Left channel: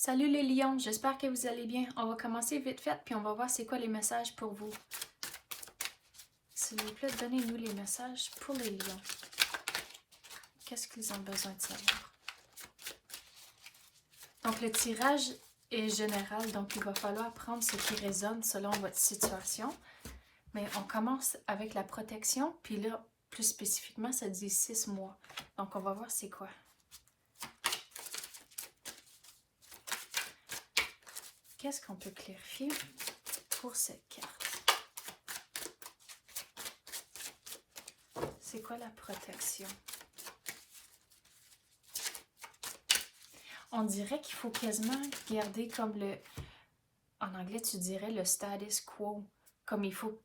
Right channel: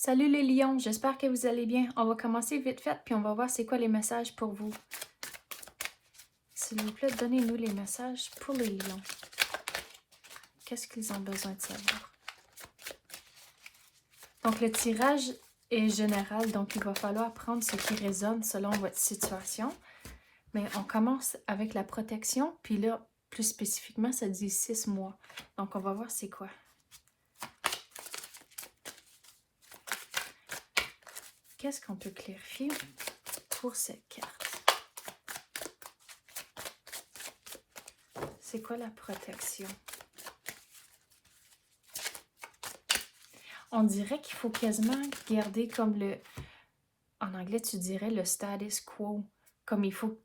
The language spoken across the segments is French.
Salut les lions, j'espère que vous allez bien. On va commencer vite fait, puis on va voir c'est quoi les messages pour vous. S'il vous plaît, donnez-nous les messages pour les lions. Qu'est-ce qu'ils ont besoin de savoir? Donc le tirage est général, donc il va falloir prendre ce qui résonne selon votre situation. Mais on commence avec la protection, puis là, plus spécifiquement, ça dit 6 mois. Donc on va voir c'est quoi. Qu'est-ce qu'on peut clarifier pour cette carte? C'est quoi la protection? On dirait qu'il faut quasiment garder comme le... En anglais, tu dirais le status quo. Comme il faut...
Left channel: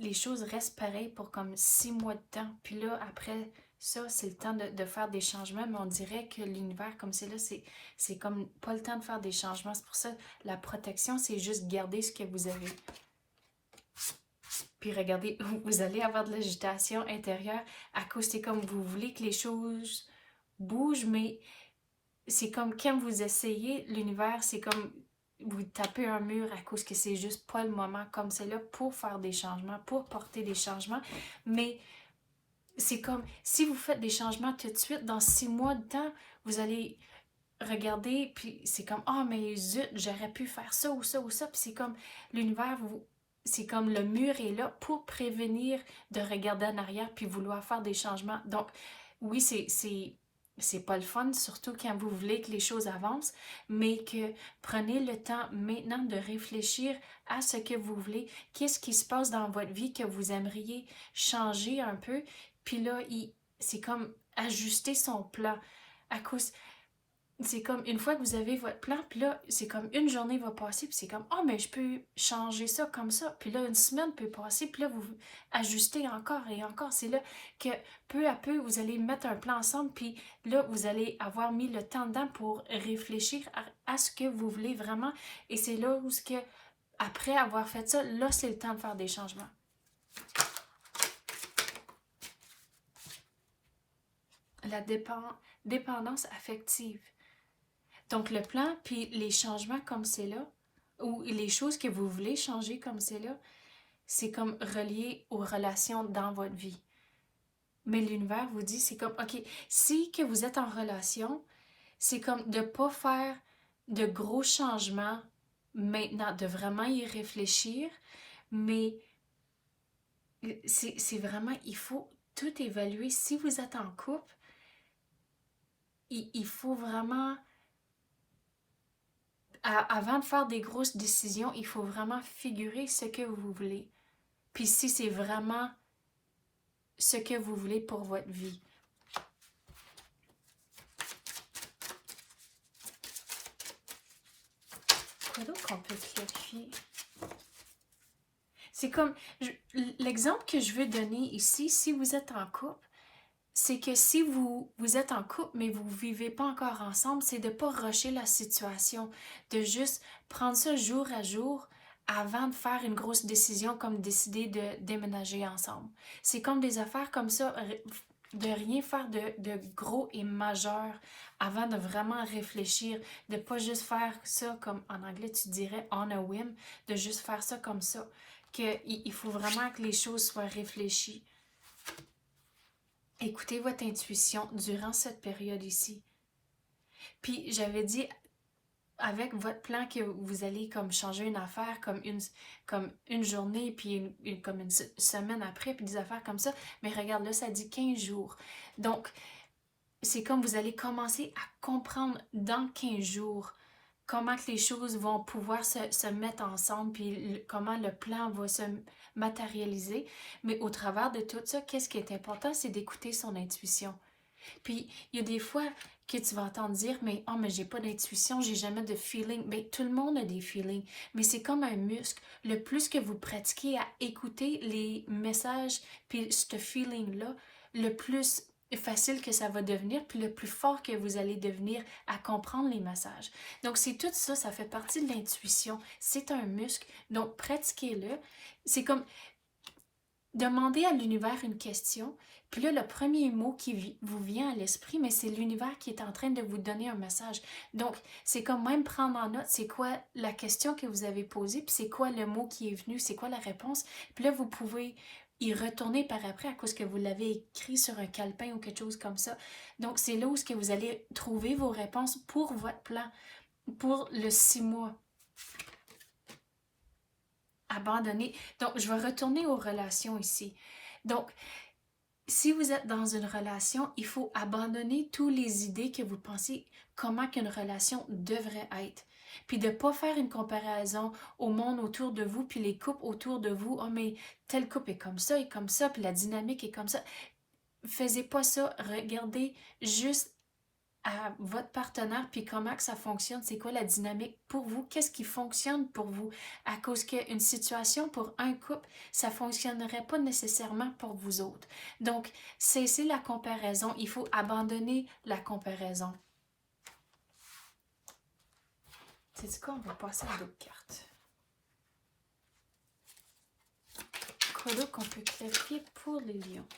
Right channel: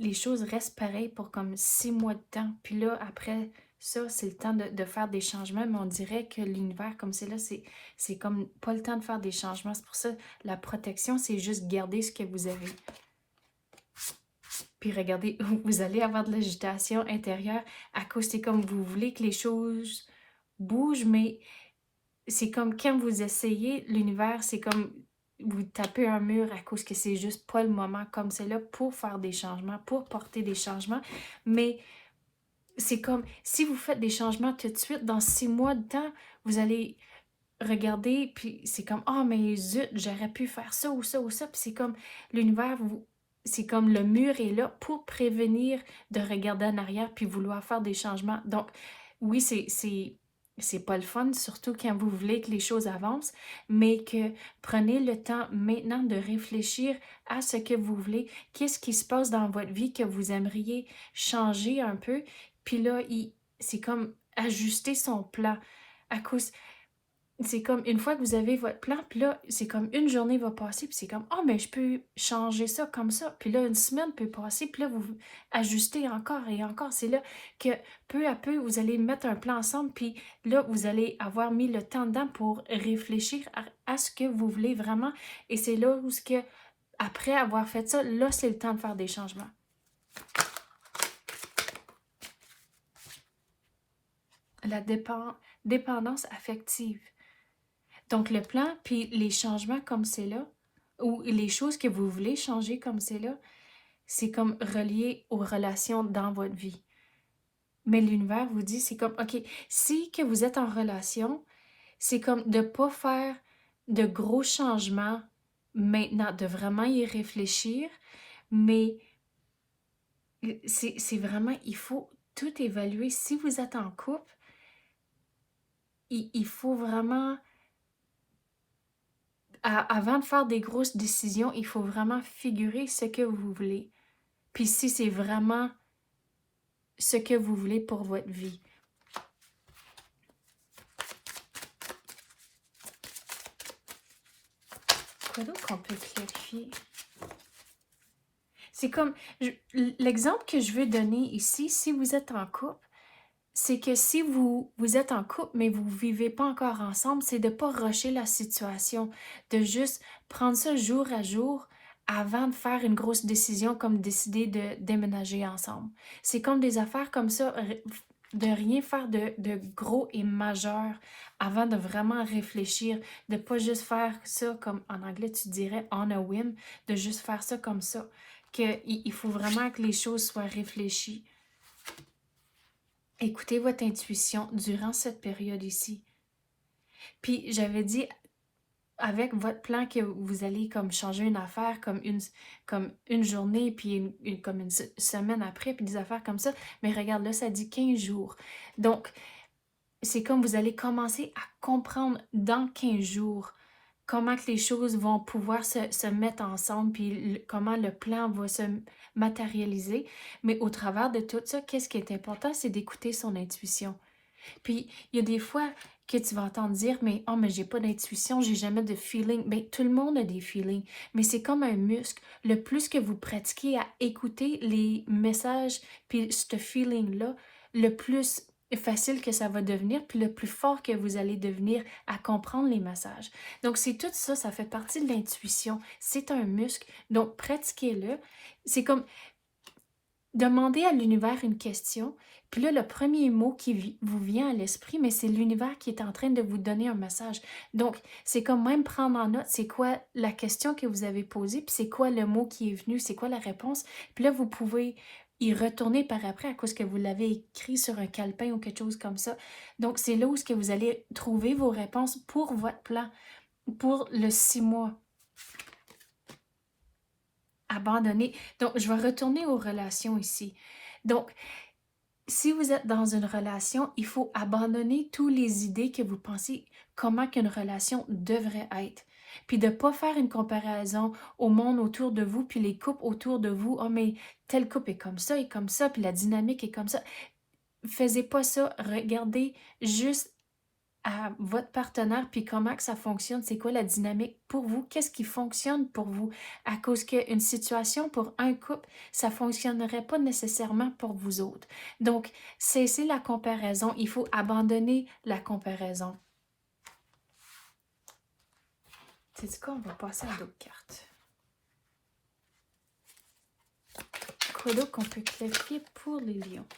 Les choses restent pareilles pour comme 6 mois de temps. Puis là, après ça, c'est le temps de faire des changements. Mais on dirait que l'univers, comme c'est là, c'est comme pas le temps de faire des changements. C'est pour ça, la protection, c'est juste garder ce que vous avez. Puis regardez, vous allez avoir de l'agitation intérieure à cause, c'est comme vous voulez que les choses bougent, mais c'est comme quand vous essayez, l'univers, c'est comme vous tapez un mur à cause que c'est juste pas le moment comme c'est là pour faire des changements, pour porter des changements. Mais c'est comme si vous faites des changements tout de suite, dans 6 mois de temps, vous allez regarder, puis c'est comme, oh mais zut, j'aurais pu faire ça ou ça ou ça. Puis c'est comme l'univers, c'est comme le mur est là pour prévenir de regarder en arrière puis vouloir faire des changements. Donc, oui, c'est pas le fun, surtout quand vous voulez que les choses avancent, mais que prenez le temps maintenant de réfléchir à ce que vous voulez, qu'est-ce qui se passe dans votre vie que vous aimeriez changer un peu, puis là, c'est comme ajuster son plan. À cause, c'est comme une fois que vous avez votre plan, puis là, c'est comme une journée va passer, puis c'est comme, oh, mais je peux changer ça comme ça. Puis là, une semaine peut passer, puis là, vous ajustez encore et encore. C'est là que peu à peu, vous allez mettre un plan ensemble, puis là, vous allez avoir mis le temps dedans pour réfléchir à ce que vous voulez vraiment. Et c'est là où, après avoir fait ça, là, c'est le temps de faire des changements. La dépendance affective. Donc, le plan, puis les changements comme c'est là, ou les choses que vous voulez changer comme c'est là, c'est comme relié aux relations dans votre vie. Mais l'univers vous dit, c'est comme, OK, si que vous êtes en relation, c'est comme de ne pas faire de gros changements maintenant, de vraiment y réfléchir, mais c'est vraiment, il faut tout évaluer. Si vous êtes en couple, il faut vraiment... Avant de faire des grosses décisions, il faut vraiment figurer ce que vous voulez. Puis si c'est vraiment ce que vous voulez pour votre vie. Quoi d'autre qu'on peut clarifier? C'est comme, l'exemple que je veux donner ici, si vous êtes en couple, c'est que si vous êtes en couple, mais vous ne vivez pas encore ensemble, c'est de ne pas rusher la situation, de juste prendre ça jour à jour avant de faire une grosse décision comme décider de déménager ensemble. C'est comme des affaires comme ça, de rien faire de gros et majeur avant de vraiment réfléchir, de ne pas juste faire ça comme en anglais tu dirais on a whim, de juste faire ça comme ça, qu'il faut vraiment que les choses soient réfléchies. Écoutez votre intuition durant cette période ici. Puis j'avais dit avec votre plan que vous allez comme changer une affaire comme une journée, puis comme une semaine après, puis des affaires comme ça. Mais regarde là, ça dit 15 jours. Donc, c'est comme vous allez commencer à comprendre dans 15 jours comment que les choses vont pouvoir se mettre ensemble, puis comment le plan va se matérialiser. Mais au travers de tout ça, qu'est-ce qui est important, c'est d'écouter son intuition. Puis, il y a des fois que tu vas entendre dire, mais oh, mais j'ai pas d'intuition, j'ai jamais de feeling. Bien, tout le monde a des feelings, mais c'est comme un muscle. Le plus que vous pratiquez à écouter les messages, puis ce feeling-là, le plus facile que ça va devenir, puis le plus fort que vous allez devenir à comprendre les messages. Donc, c'est tout ça, ça fait partie de l'intuition. C'est un muscle, donc pratiquez-le. C'est comme demander à l'univers une question, Puis là, le premier mot qui vous vient à l'esprit, mais c'est l'univers qui est en train de vous donner un message. Donc, c'est comme même prendre en note, c'est quoi la question que vous avez posée, puis c'est quoi le mot qui est venu, c'est quoi la réponse. Puis là, vous pouvez y retourner par après à cause que vous l'avez écrit sur un calepin ou quelque chose comme ça. Donc, c'est là où ce que vous allez trouver vos réponses pour votre plan, pour le 6 mois. Abandonner. Donc, je vais retourner aux relations ici. Donc, si vous êtes dans une relation, il faut abandonner toutes les idées que vous pensez comment qu'une relation devrait être. Puis de ne pas faire une comparaison au monde autour de vous, puis les couples autour de vous. Oh, mais tel couple est comme ça, puis la dynamique est comme ça. Faisez pas ça. Regardez juste à votre partenaire, puis comment que ça fonctionne, c'est quoi la dynamique pour vous, qu'est-ce qui fonctionne pour vous, à cause qu'une situation pour un couple, ça ne fonctionnerait pas nécessairement pour vous autres. Donc, cessez la comparaison, il faut abandonner la comparaison. C'est quoi, on va passer à d'autres cartes. Quoi d'autre qu'on peut clarifier pour les lions?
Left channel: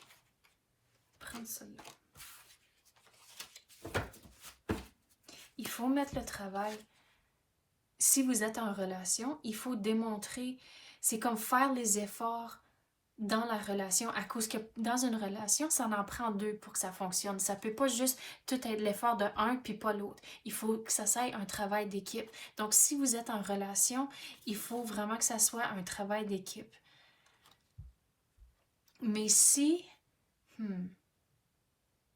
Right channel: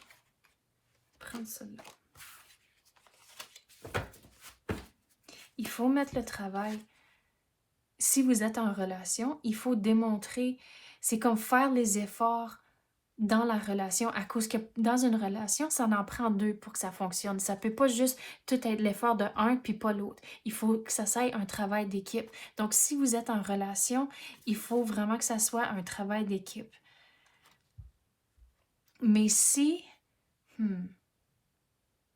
Prendre celle-là. Il faut mettre le travail. Si vous êtes en relation, il faut démontrer, c'est comme faire les efforts dans la relation, à cause que dans une relation, ça en prend deux pour que ça fonctionne. Ça peut pas juste tout être l'effort de un puis pas l'autre. Il faut que ça soit un travail d'équipe. Donc, si vous êtes en relation, il faut vraiment que ça soit un travail d'équipe. Mais si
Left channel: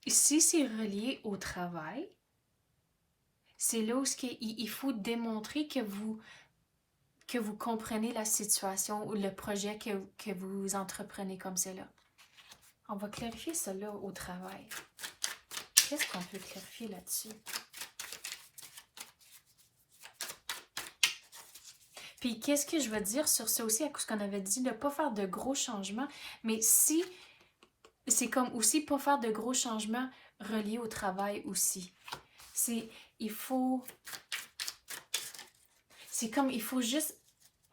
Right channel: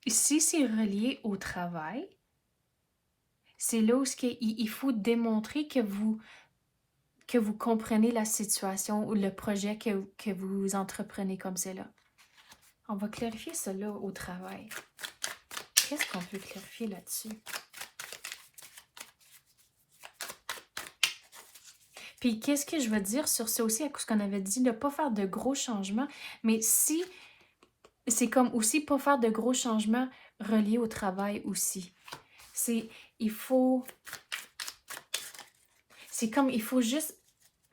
c'est relié au travail, c'est là où il faut démontrer que vous comprenez la situation ou le projet que vous entreprenez comme cela. On va clarifier cela au travail. Qu'est-ce qu'on peut clarifier là-dessus? Puis qu'est-ce que je veux dire sur ça aussi, à cause qu'on avait dit de ne pas faire de gros changements, mais si c'est comme aussi pas faire de gros changements reliés au travail aussi. Il faut juste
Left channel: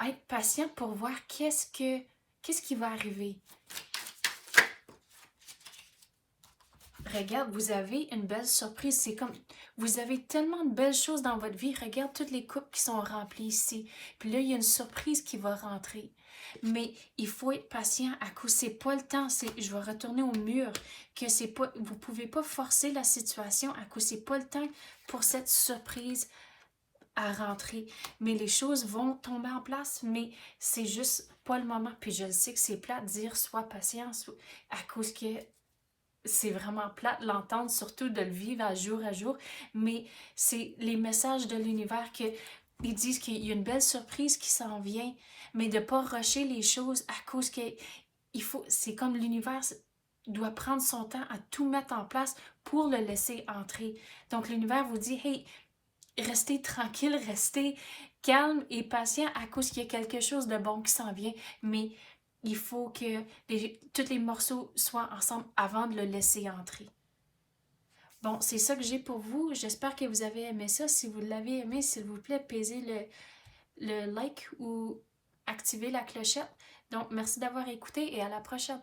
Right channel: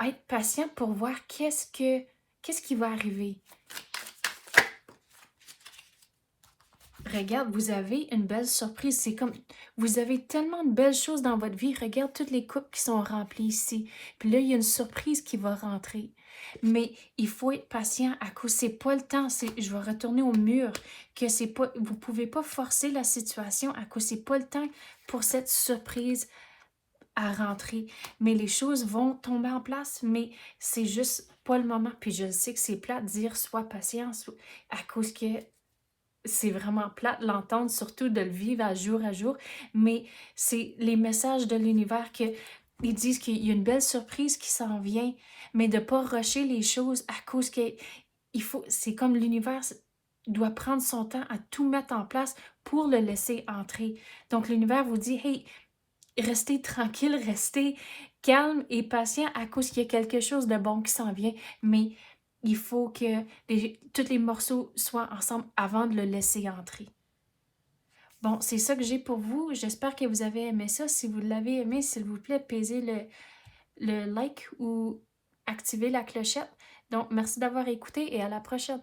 être patient pour voir qu'est-ce qui va arriver. Regarde, vous avez une belle surprise. C'est comme, vous avez tellement de belles choses dans votre vie. Regarde toutes les coupes qui sont remplies ici. Puis là, il y a une surprise qui va rentrer. Mais il faut être patient à cause c'est pas le temps. Je vais retourner au mur. Que c'est pas, vous pouvez pas forcer la situation à cause c'est pas le temps pour cette surprise à rentrer. Mais les choses vont tomber en place, mais c'est juste pas le moment. Puis je sais que c'est plat de dire sois patient à cause que c'est vraiment plate l'entendre, surtout de le vivre à jour, mais c'est les messages de l'univers ils disent qu'il y a une belle surprise qui s'en vient, mais de ne pas rusher les choses à cause que c'est comme l'univers doit prendre son temps à tout mettre en place pour le laisser entrer. Donc l'univers vous dit, hey, restez tranquille, restez calme et patient à cause qu'il y a quelque chose de bon qui s'en vient, mais il faut que tous les morceaux soient ensemble avant de le laisser entrer. Bon, c'est ça que j'ai pour vous. J'espère que vous avez aimé ça. Si vous l'avez aimé, s'il vous plaît, pesez le like ou activez la clochette. Donc, merci d'avoir écouté et à la prochaine.